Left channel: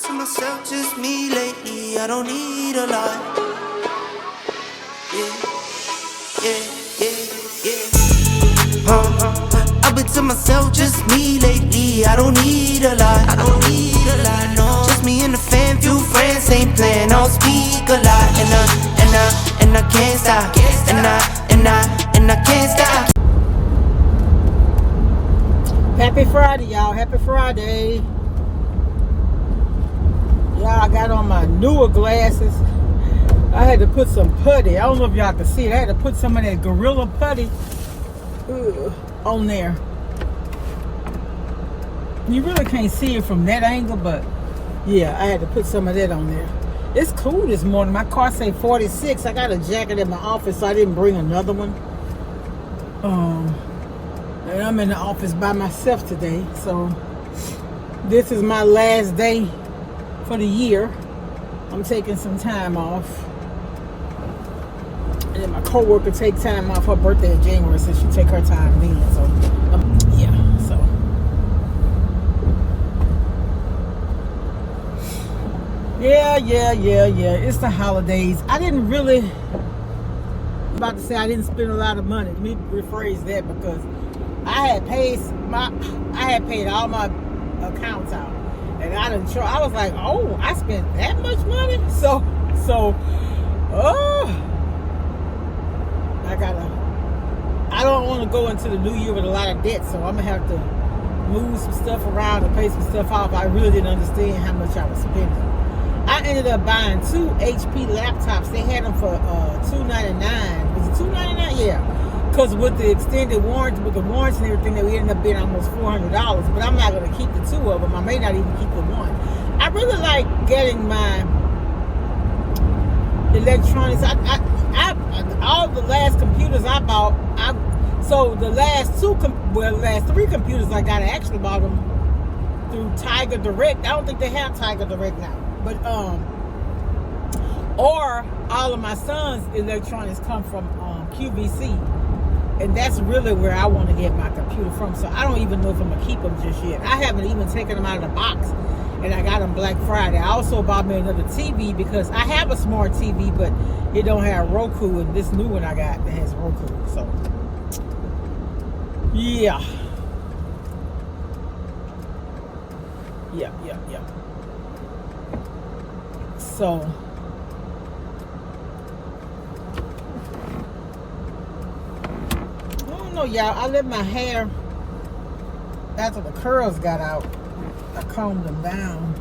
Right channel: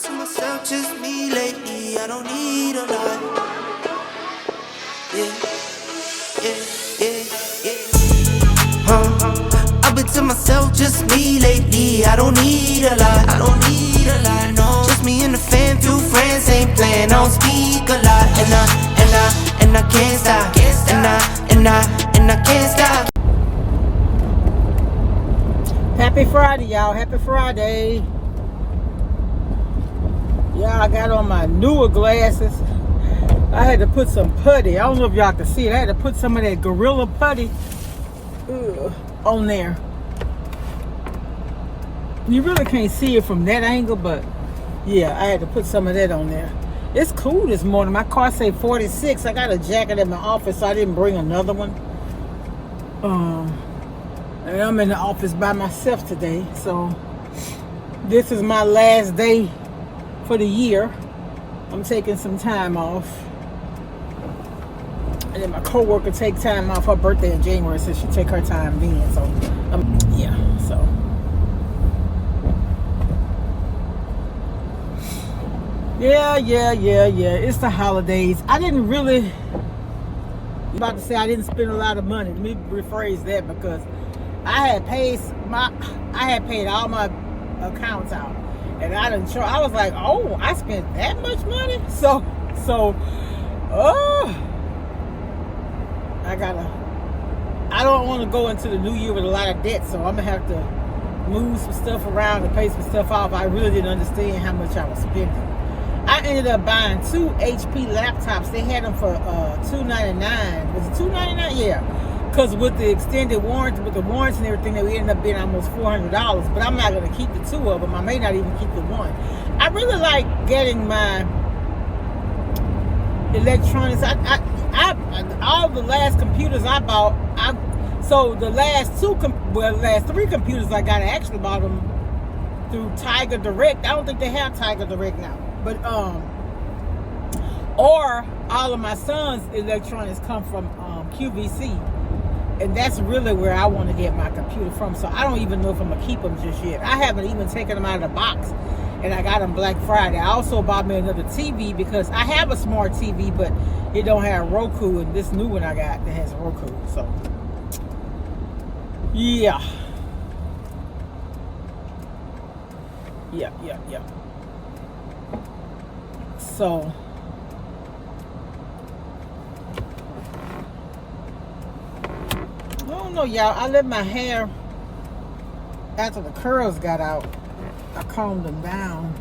To myself, just me lately, I don't need a lot. Yeah, yeah, yeah, yeah. I've been to myself, just me lately, I don't need a lot. I don't need a lot, no. Just me and the fam, few friends ain't playing, I don't speak a lot. And I can't stop. And I can't stop. Happy Friday, y'all. Happy Friday. Y'all, I got on my newer glasses. I had to put some putty. I don't know if y'all can see it. I had to put some of that Gorilla Putty on there. You really can't see it from that angle, but yeah, I had to put some of that on there. It's cool this morning. My car say 46. I got a jacket in my office, so I didn't bring another one. And I'm in the office by myself today, so this is my last day for the year. I'm taking some time off, and then my coworker take time off. Her birthday in January, so she take her time then. So yeah, so yeah. It's the holidays. I didn't really. I'm about to say I didn't spend a lot of money. Let me rephrase that, because I had paid all my accounts out. And I was like, oh, I spent that much money? So, I don't want to go into the new year with a lot of debt, so I'm going to have to move some stuff around and pay some stuff off. I really didn't understand how much I was spending. I ended up buying 2 HP laptops. They had them for $299. Was it $299? Yeah. Because with the extended warranty, with the warranty and everything, they ended up being almost $400. But I'm not going to keep the 2 of them. I may not even keep the 1. I really like getting my electronics. All the last computers I bought, the last 3 computers I got, I actually bought them through Tiger Direct. I don't think they have Tiger Direct now. But, or all of my son's electronics come from QVC. And that's really where I want to get my computer from. So I don't even know if I'm going to keep them just yet. I haven't even taken them out of the box. And I got them Black Friday. I also bought me another TV because I have a smart TV, but it don't have Roku. And this new one I got that has Roku. So, yeah. Yeah. So, I don't know, y'all. I let my hair, after the curls got out, I combed them down.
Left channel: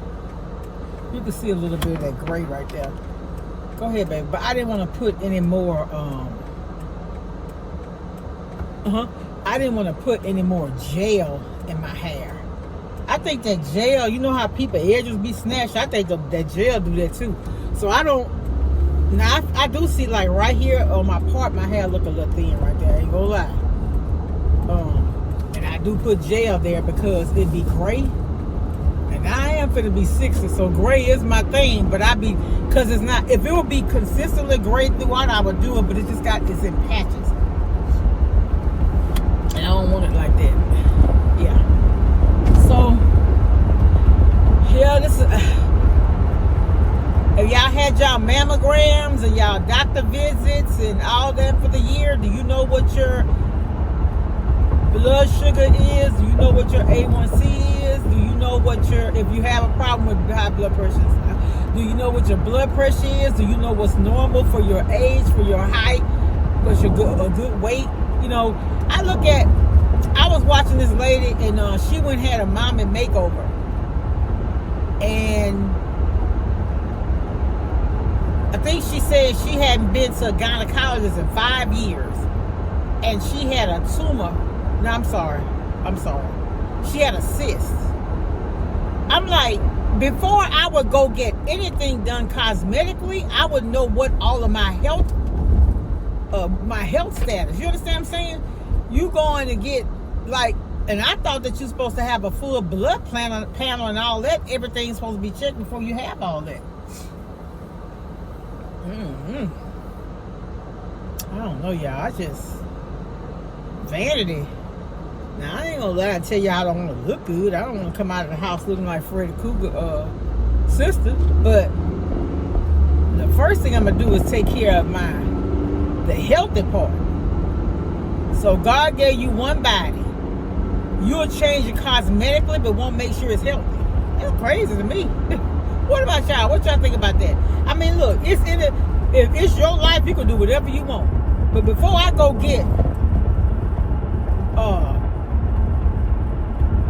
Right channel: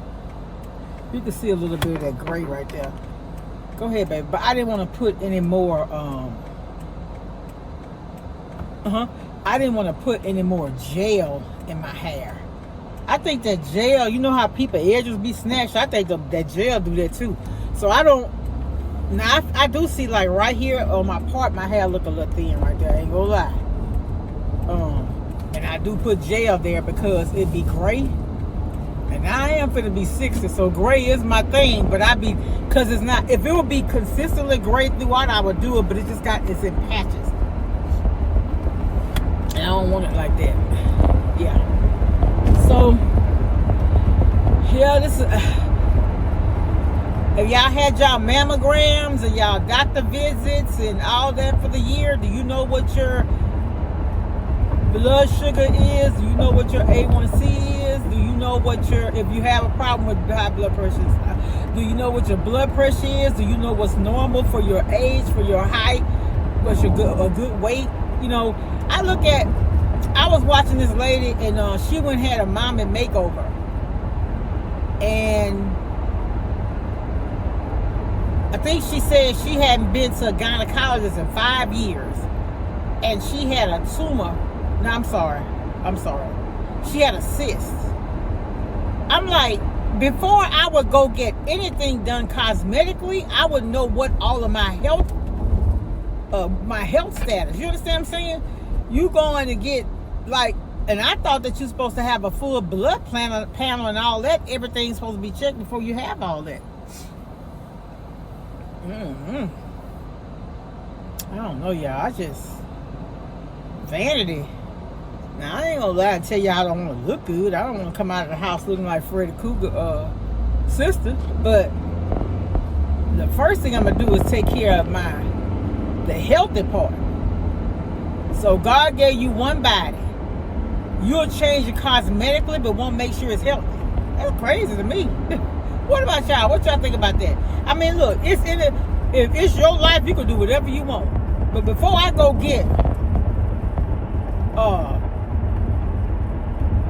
You can see a little bit of that gray right there. Go ahead, baby. But I didn't want to put any more, I didn't want to put any more gel in my hair. I think that gel, you know how people edges be snatched? I think that gel do that too. So I don't, now I do see like right here on my part, my hair look a little thin right there. I ain't gonna lie. And I do put gel there because it be gray. And I am finna be 60, so gray is my thing. But because it's not, if it would be consistently gray throughout, I would do it. But it's in patches. And I don't want it like that. Yeah. So, yeah, this is, if y'all had y'all mammograms and y'all doctor visits and all that for the year, do you know what your blood sugar is? Do you know what your A1C is? Do you know if you have a problem with high blood pressure, do you know what your blood pressure is? Do you know what's normal for your age, for your height, what's a good weight? You know, I was watching this lady, and she went and had a mommy makeover. And I think she said she hadn't been to a gynecologist in 5 years. And she had a tumor. No, I'm sorry. She had a cyst. I'm like, before I would go get anything done cosmetically, I would know what all of my health status. You understand what I'm saying? You going to get, like, and I thought that you're supposed to have a full blood panel and all that. Everything's supposed to be checked before you have all that. I don't know, y'all. Vanity. Now, I ain't gonna lie and tell y'all I don't want to look good. I don't want to come out of the house looking like Freddy Krueger sister, but the first thing I'm gonna do is take care of the healthy part. So God gave you one body. You'll change it cosmetically, but won't make sure it's healthy. That's crazy to me. What about y'all? What y'all think about that? I mean, look, if it's your life, you can do whatever you want. But before I go get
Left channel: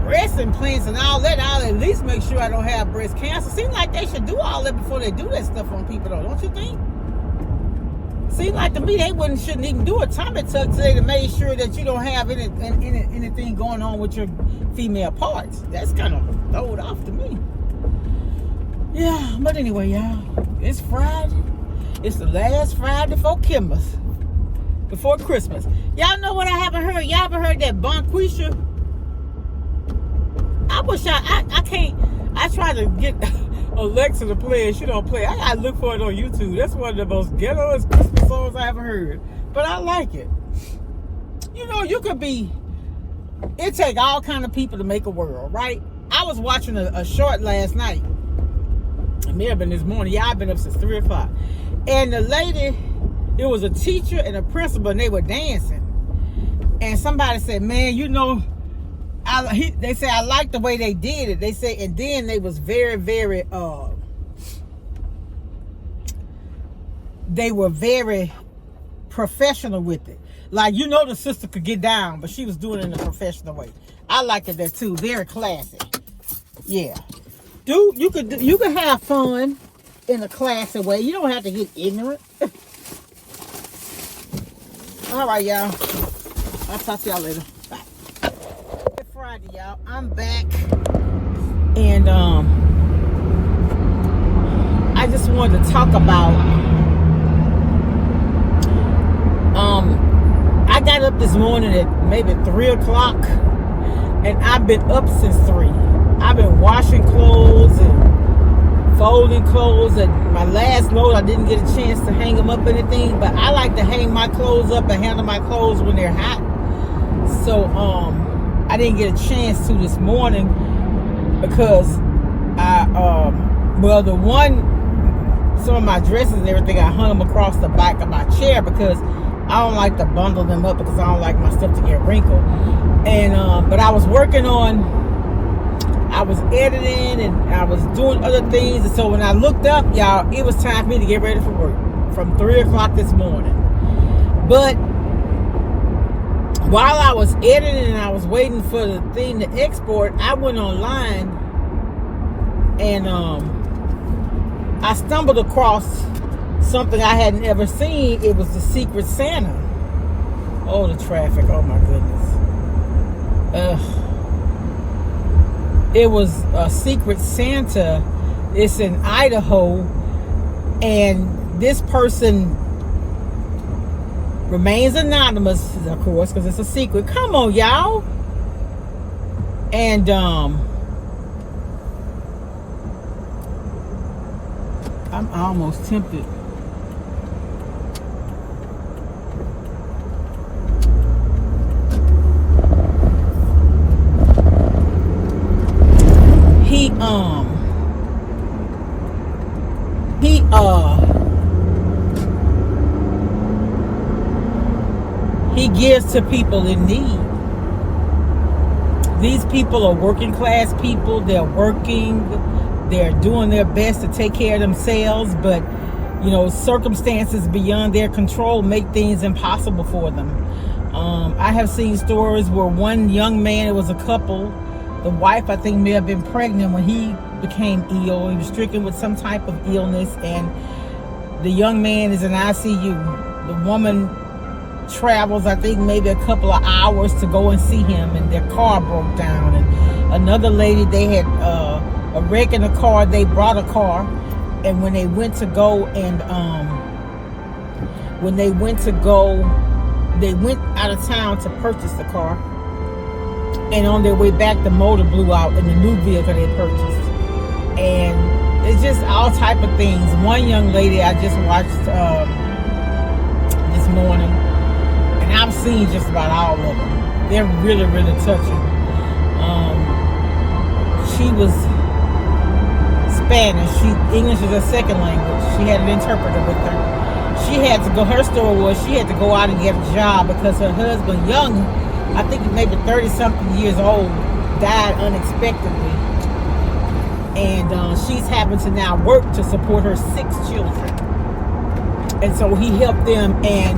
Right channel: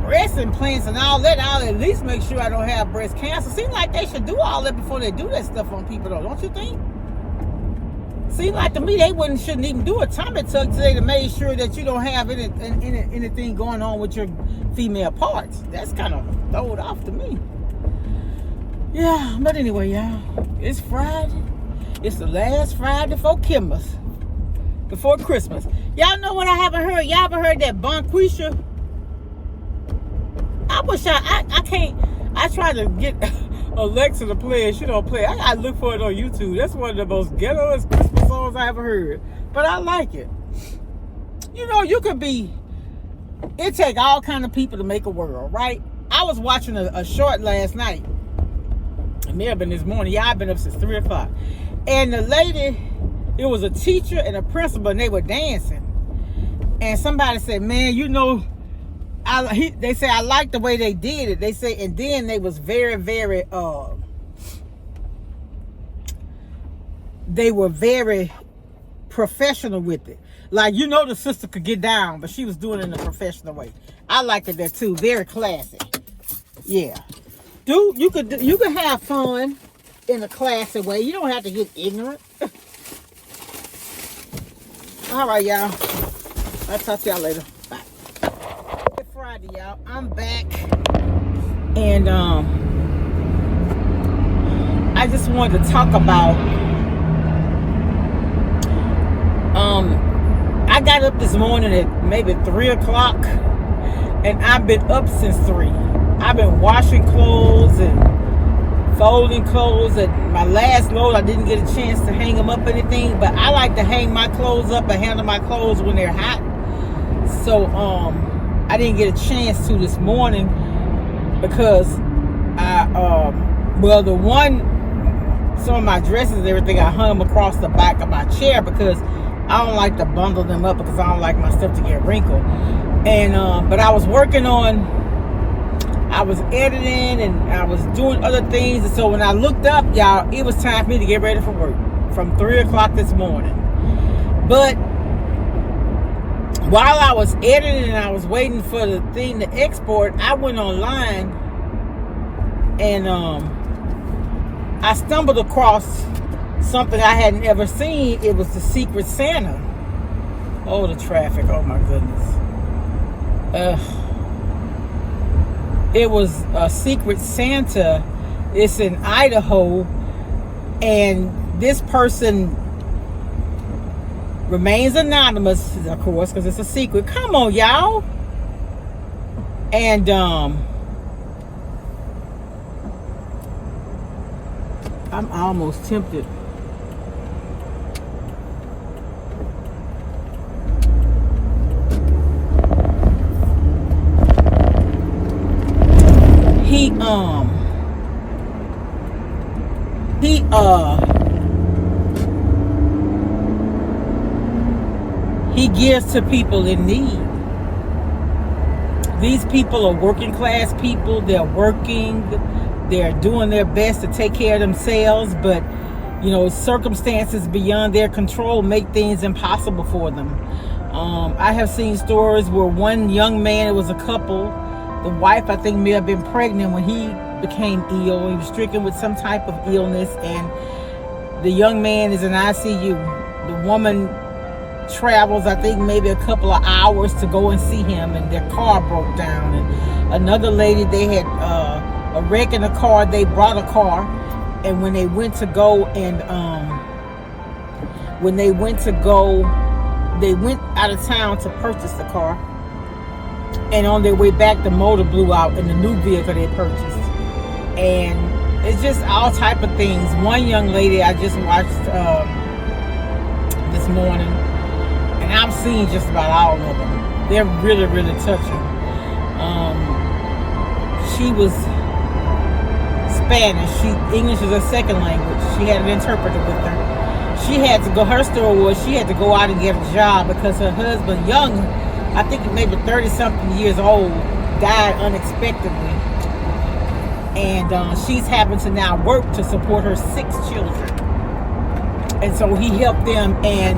breast implants and all that, I'll at least make sure I don't have breast cancer. Seems like they should do all that before they do that stuff on people, though, don't you think? Seems like to me they shouldn't even do a tummy tuck today to make sure that you don't have anything going on with your female parts. That's kind of throwed off to me. Yeah, but anyway, y'all, it's Friday. It's the last Friday before Christmas. Y'all know what I haven't heard? Y'all haven't heard that Bonquisha? I wish I can't. I try to get Alexa to play it. She don't play. I gotta look for it on YouTube. That's one of the most ghettoest Christmas songs I ever heard. But I like it. You know, you could be. It take all kind of people to make a world, right? I was watching a short last night. It may have been this morning. Yeah, I've been up since 3 o'clock. And the lady, it was a teacher and a principal, and they were dancing. And somebody said, "Man, you know." They say I like the way they did it. They say, and then they was very, very they were very professional with it. Like, you know, the sister could get down, but she was doing it in a professional way. I liked it that too. Very classy. Yeah. You could have fun in a classy way. You don't have to get ignorant. All right, y'all. I'll talk to y'all later. Bye. Friday, y'all. I'm back, and I just wanted to talk about. I got up this morning at maybe 3 o'clock, and I've been up since 3. I've been washing clothes and folding clothes. And my last load, I didn't get a chance to hang them up or anything, but I like to hang my clothes up and handle my clothes when they're hot. So I didn't get a chance to this morning because some of my dresses and everything, I hung them across the back of my chair because I don't like to bundle them up because I don't like my stuff to get wrinkled. And but I was I was editing and I was doing other things. And so when I looked up, y'all, it was time for me to get ready for work from 3 o'clock this morning. But while I was editing and I was waiting for the thing to export, I went online and I stumbled across something I hadn't ever seen. It was the Secret Santa. Oh, the traffic. Oh, my goodness. It was a Secret Santa. It's in Idaho. And this person remains anonymous, of course, because it's a secret. Come on, y'all. And I'm almost tempted. He gives to people in need. These people are working class people. They're working. They're doing their best to take care of themselves, but you know, circumstances beyond their control make things impossible for them. I have seen stories where one young man, it was a couple, the wife I think may have been pregnant when he became ill. He was stricken with some type of illness, and the young man is in ICU. The woman travels, I think, maybe a couple of hours to go and see him, and their car broke down. And another lady, they had a wreck in a car. They brought a car, and when they went to go and they went out of town to purchase the car, and on their way back the motor blew out in the new vehicle they purchased. And it's just all type of things. One young lady I just watched this morning, and I've seen just about all of them. They're really, really touching. She was Spanish. English is her second language. She had an interpreter with her. She had to go. Her story was she had to go out and get a job because her husband, young, I think maybe 30-something years old, died unexpectedly, and she's having to now work to support her 6 children. And so he helped them, and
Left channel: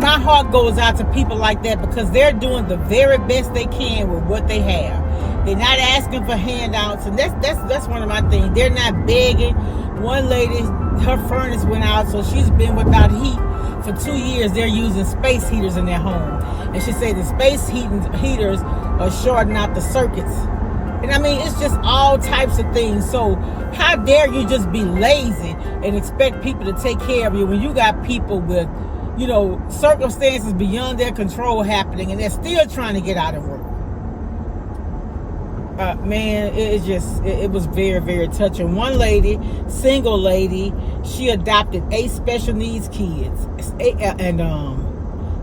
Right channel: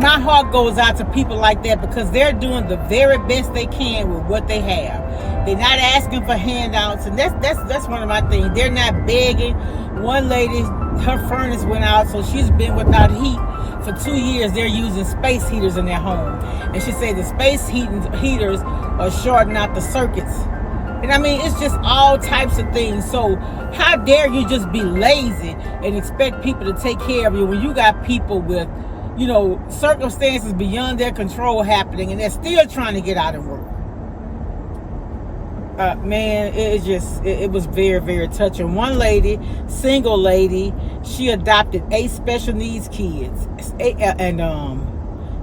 my heart goes out to people like that because they're doing the very best they can with what they have. They're not asking for handouts, and that's one of my things. They're not begging. One lady, her furnace went out, so she's been without heat for 2 years. They're using space heaters in their home, and she said the space heaters are shorting out the circuits. And I mean, it's just all types of things. So how dare you just be lazy and expect people to take care of you when you got people with, circumstances beyond their control happening, and they're still trying to get out of work. Man, it was very, very touching. One lady, single lady, she adopted 8 special needs kids, and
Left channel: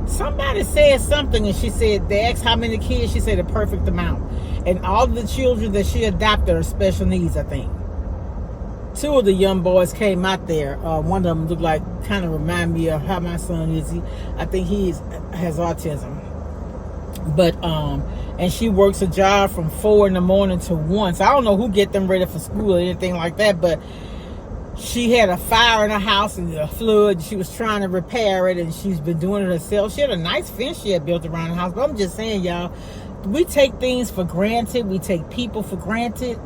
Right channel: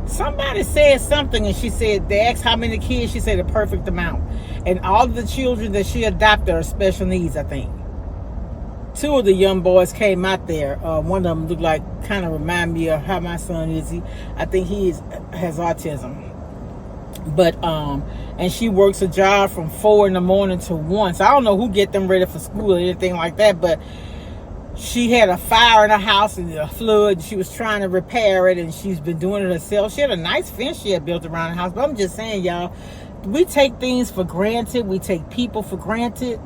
somebody said something, and she said, they asked how many kids, she said the perfect amount. And all of the children that she adopted are special needs, I think. 2 of the young boys came out there. One of them looked like, kind of remind me of how my son is. I think has autism. But, and she works a job from 4 in the morning to 1. So I don't know who get them ready for school or anything like that, but she had a fire in her house and a flood. She was trying to repair it, and she's been doing it herself. She had a nice fence she had built around the house. But I'm just saying, y'all, we take things for granted. We take people for granted.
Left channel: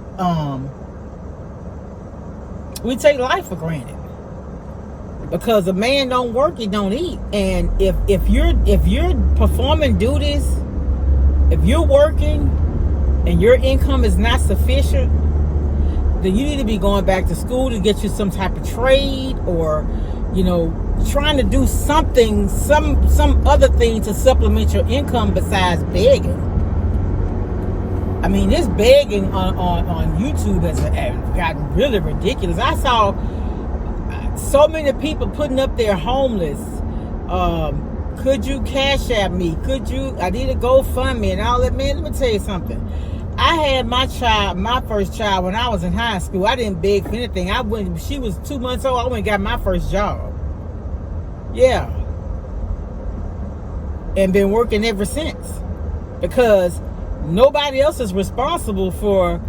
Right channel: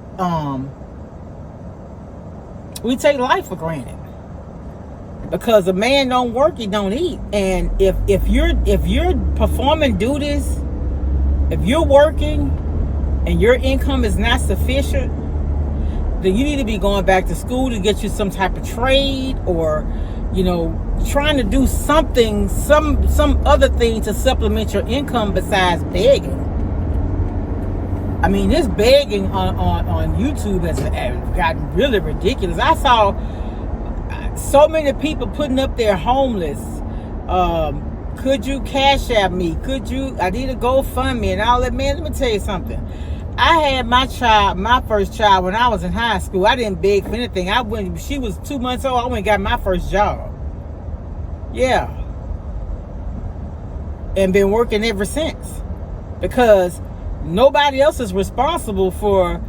We take life for granted. Because a man don't work, he don't eat. And if you're performing duties, if you're working and your income is not sufficient, then you need to be going back to school to get you some type of trade, or trying to do something, some other thing to supplement your income besides begging. I mean, this begging on YouTube has gotten really ridiculous. I saw so many people putting up their homeless. Could you cash at me? I need a GoFundMe and all that. Man, let me tell you something. I had my first child when I was in high school. I didn't beg for anything. She was 2 months old. I went and got my first job. Yeah. And been working ever since. Because nobody else is responsible for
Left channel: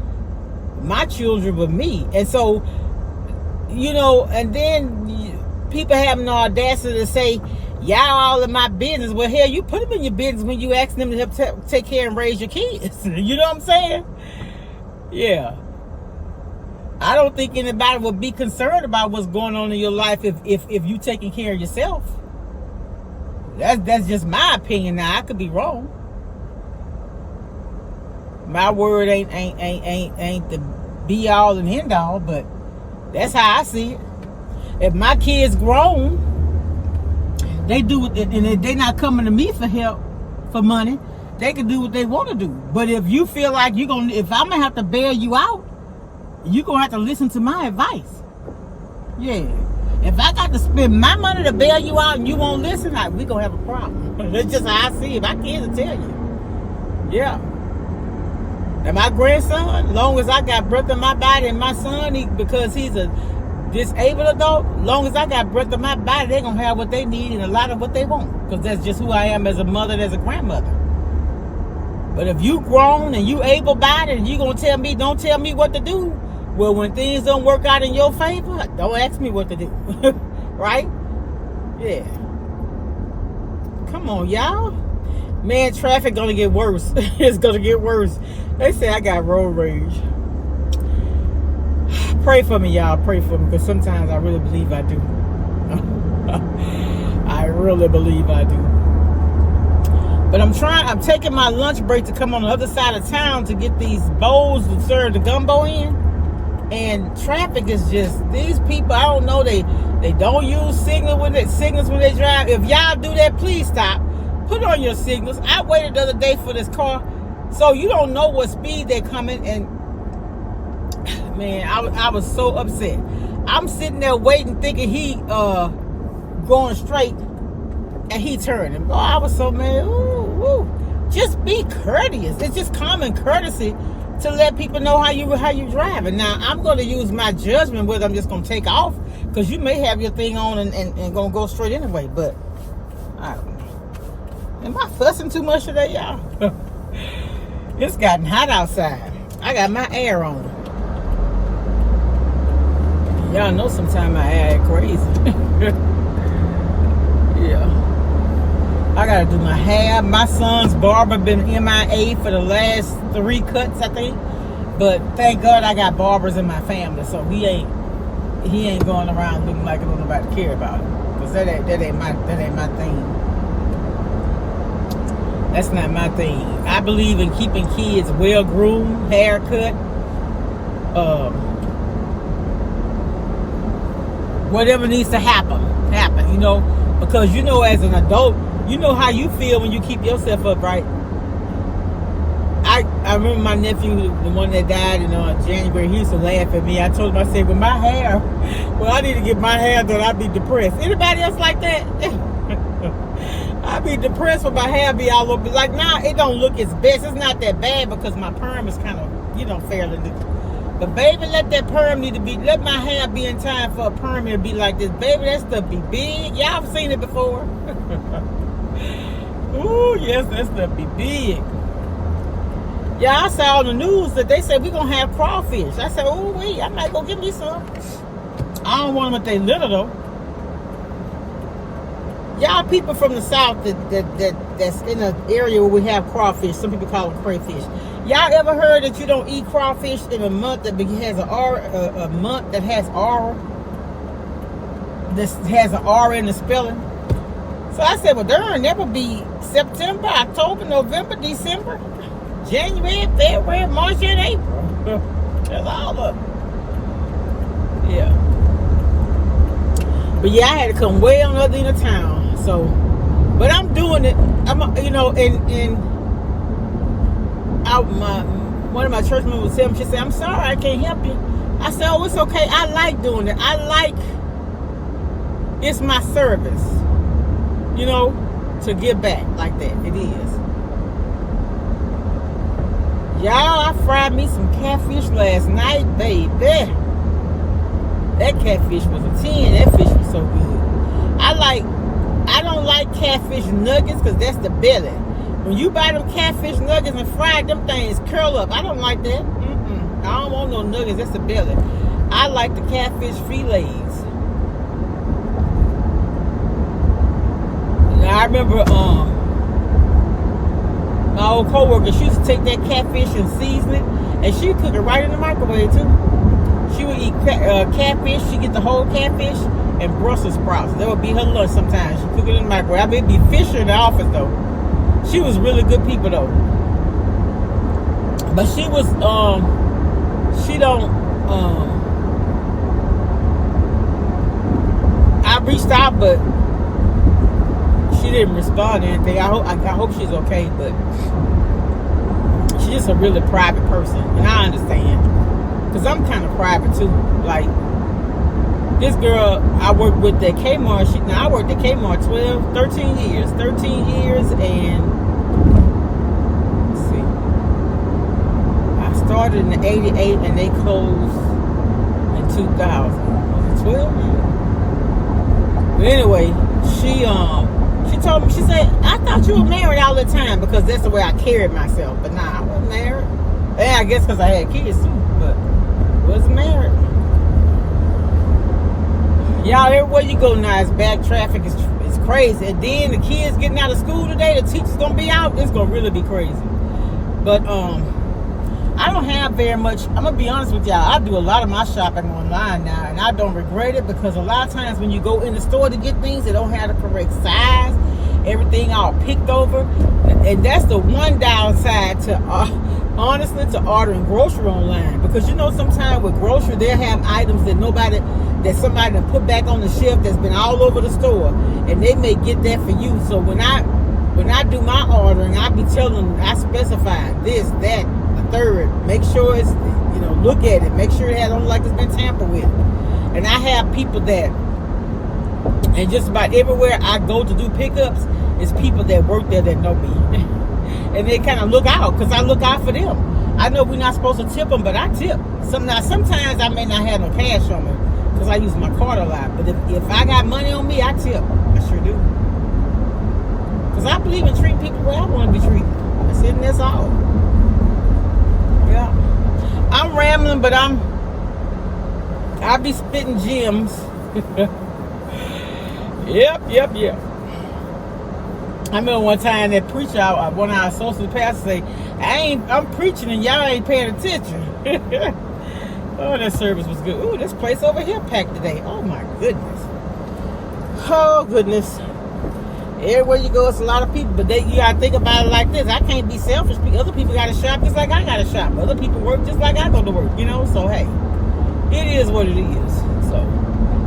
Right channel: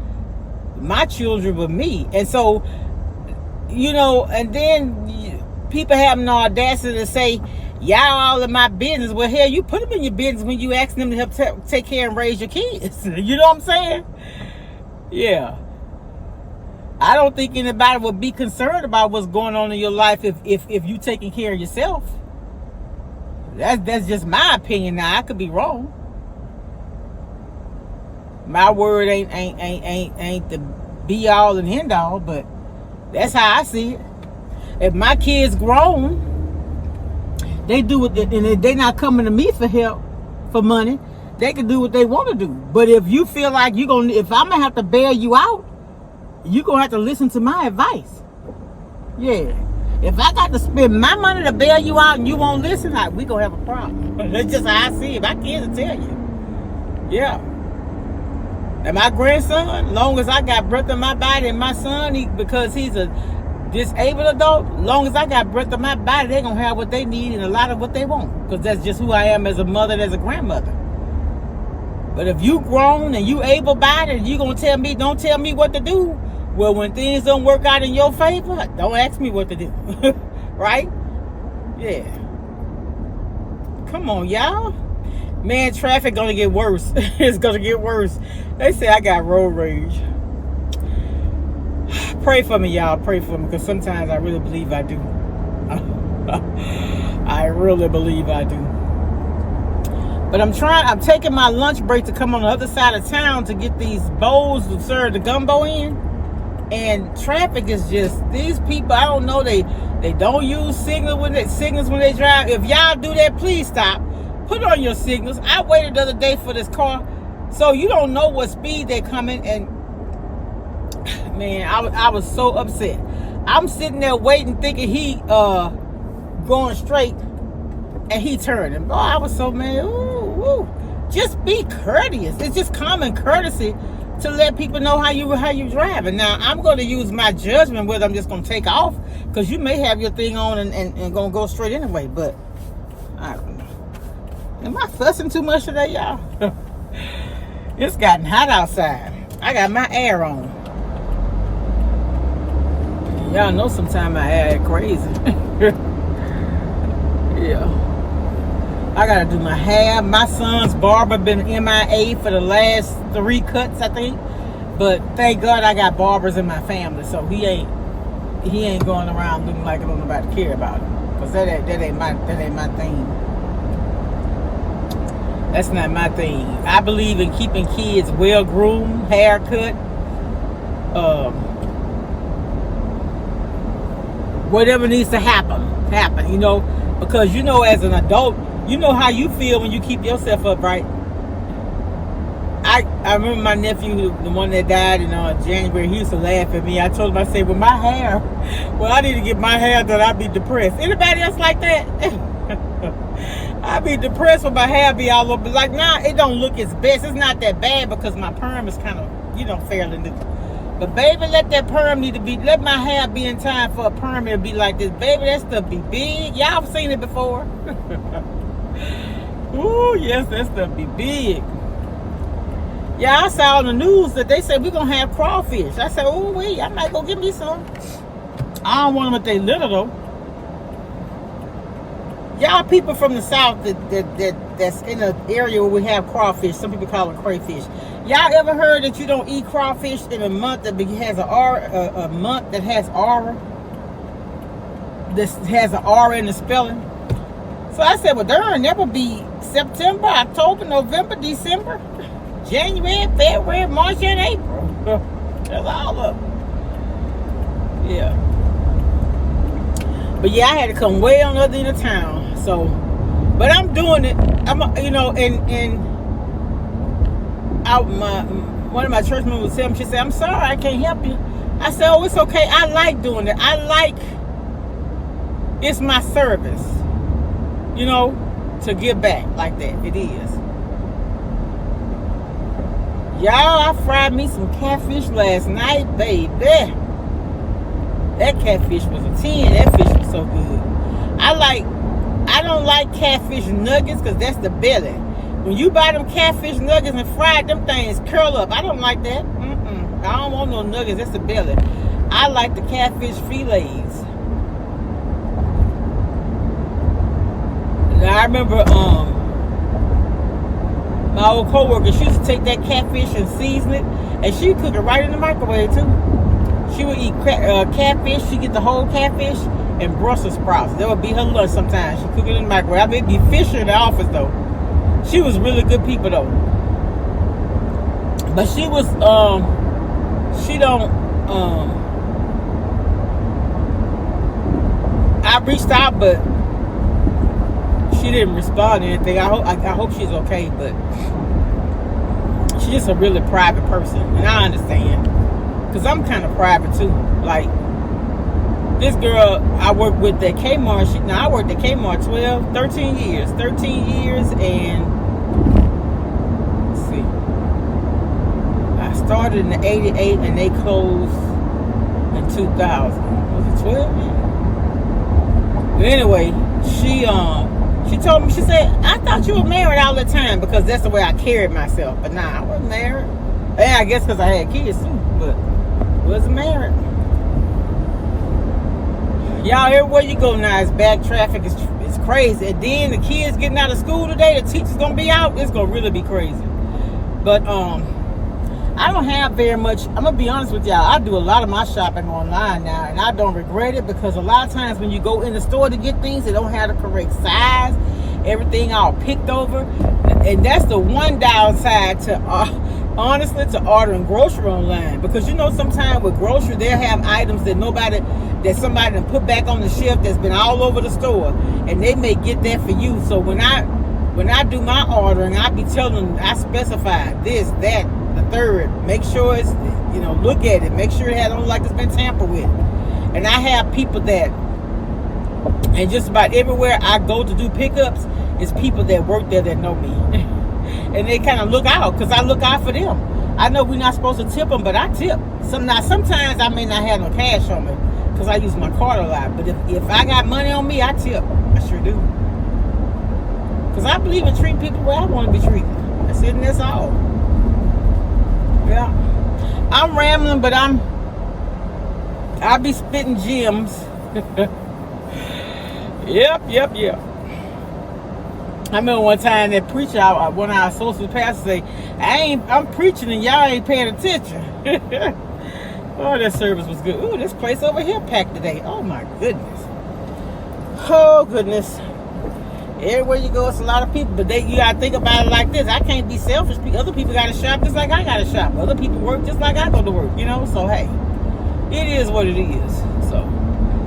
my children but me. And so, and then people have an audacity to say, y'all all in my business. Well, hell, you put them in your business when you ask them to help take care and raise your kids. You know what I'm saying? Yeah. I don't think anybody would be concerned about what's going on in your life if you taking care of yourself. That's just my opinion. Now, I could be wrong. My word ain't the be all and end all, but that's how I see it. If my kids grown, they do what and they not coming to me for help, for money. They can do what they want to do. But if you feel like if I'm gonna have to bail you out, you're gonna have to listen to my advice. Yeah. If I got to spend my money to bail you out and you won't listen, we gonna have a problem. That's just how I see it. My kids will tell you. Yeah. And my grandson, long as I got breath in my body, and my son, because he's a disabled adult, long as I got breath in my body, they're going to have what they need and a lot of what they want. Because that's just who I am as a mother and as a grandmother. But if you grown and you able-bodied and you going to don't tell me what to do, well, when things don't work out in your favor, don't ask me what to do. Right? Yeah. Come on, y'all. Man, traffic going to get worse. It's going to get worse. They say I got road rage. Pray for me, y'all. Pray for me, because sometimes I really believe I do. I really believe I do. But I'm taking my lunch break to come on the other side of town to get these bowls to serve the gumbo in. And traffic is just, these people, I don't know, they don't use signals when they drive. If y'all do that, please stop. Put on your signals. I waited the other day for this car, so you don't know what speed they're coming. And man, I was so upset. I'm sitting there waiting, thinking he going straight, and he turning. Oh, I was so mad. Ooh. Just be courteous. It's just common courtesy to let people know how you driving. Now, I'm going to use my judgment whether I'm just going to take off, because you may have your thing on and going to go straight anyway, but I don't know. Am I fussing too much today, y'all? It's gotten hot outside. I got my air on. Y'all know sometimes my air is crazy. Yeah. I gotta do my hair. My son's barber been MIA for the last 3 cuts, I think. But thank God I got barbers in my family, so he ain't going around looking like don't nobody care about him. Cause that ain't my thing. That's not my thing. I believe in keeping kids well groomed, haircut, whatever needs to happen, you know, because you know, as an adult, you know how you feel when you keep yourself upright. I remember my nephew, the one that died in January, he used to laugh at me. I told him, I said, I need to get my hair done, I'd be depressed. Anybody else like that? I'd be depressed when my hair be all over. Like, nah, it don't look its best. It's not that bad because my perm is kind of, fairly new. But baby, let my hair be in time for a perm to be like this. Baby, that stuff be big. Y'all have seen it before. Ooh, yes, that stuff be big. Yeah, I saw on the news that they said we're going to have crawfish. I said, oh, wait, I might go get me some. I don't want them if they little, though. Y'all people from the South that's in an area where we have crawfish, some people call them crayfish. Y'all ever heard that you don't eat crawfish in a month that has a month that has R? This has an R in the spelling. So I said, well, darn, that would be September, October, November, December, January, February, March, and April. That's all of them. Yeah. But yeah, I had to come way on the other end of town. So, but I'm doing it. One of my church members would tell me, she said, I'm sorry, I can't help you. I said, oh, it's okay. I like doing it. It's my service, to give back like that. It is. Y'all, I fried me some catfish last night, baby. That catfish was a 10. That fish was so good. I don't like catfish nuggets because that's the belly. When you buy them catfish nuggets and fry them things curl up. I don't like that. I don't want no nuggets. That's the belly. I like the catfish fillets. Now, I remember my old coworker, she used to take that catfish and season it, and she'd cook it right in the microwave too. She would eat catfish. She'd get the whole catfish and Brussels sprouts. That would be her lunch sometimes. She'd cook it in the microwave. I mean, it'd be Fisher in the office though. She was really good people though. But she was, I reached out, but she didn't respond to anything. I hope she's okay, but she's just a really private person, and I understand, because I'm kind of private too. Like, this girl I worked with at Kmart, I worked at Kmart 13 years, and let's see, I started in 88 and they closed in 2000. Was it 12 years? But anyway, she told me, she said, I thought you were married all the time, because that's the way I carried myself. But nah, I wasn't married. Yeah, I guess because I had kids too, but I wasn't married. Y'all, everywhere you go now, it's bad traffic. It's crazy. And then the kids getting out of school today, the teachers gonna be out. It's gonna really be crazy. But I don't have very much. I'm gonna be honest with y'all. I do a lot of my shopping online now, and I don't regret it, because a lot of times when you go in the store to get things, they don't have the correct size. Everything all picked over, and that's the one downside to honestly to ordering grocery online, because sometimes with grocery they'll have items that somebody done put back on the shelf that's been all over the store, and they may get that for you. So when I do my ordering, I be telling them, I specify this, that, the third. Make sure it's, look at it. Make sure it don't look like it's been tampered with. And I have people that, and just about everywhere I go to do pickups, it's people that work there that know me. And they kind of look out, because I look out for them. I know we're not supposed to tip them, but I tip. Sometimes I may not have no cash on me because I use my card a lot. But if I got money on me, I tip. I sure do. Because I believe in treating people where I want to be treated. That's it and that's all. Yeah. I'm rambling, but I'll be spitting gems. Yep. I remember one time that preacher, one of our associate pastors say, I'm preaching and y'all ain't paying attention. Oh, that service was good. Ooh, this place over here packed today. Oh my goodness. Oh goodness. Everywhere you go, it's a lot of people, but you gotta think about it like this. I can't be selfish. Other people gotta shop just like I gotta shop. Other people work just like I go to work, So hey, it is what it is. So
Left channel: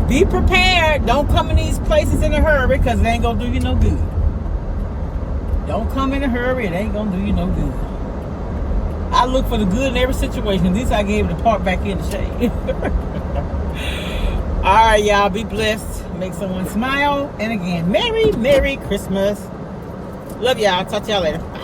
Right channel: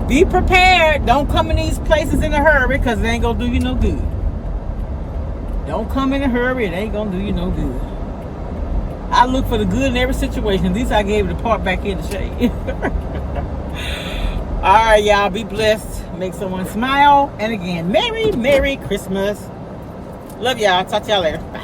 be prepared. Don't come in these places in a hurry because it ain't gonna do you no good. Don't come in a hurry. It ain't gonna do you no good. I look for the good in every situation. At least I gave it a part back in the shade. All right, y'all. Be blessed. Make someone smile. And again, Merry Christmas. Love y'all. Talk to y'all later. Bye.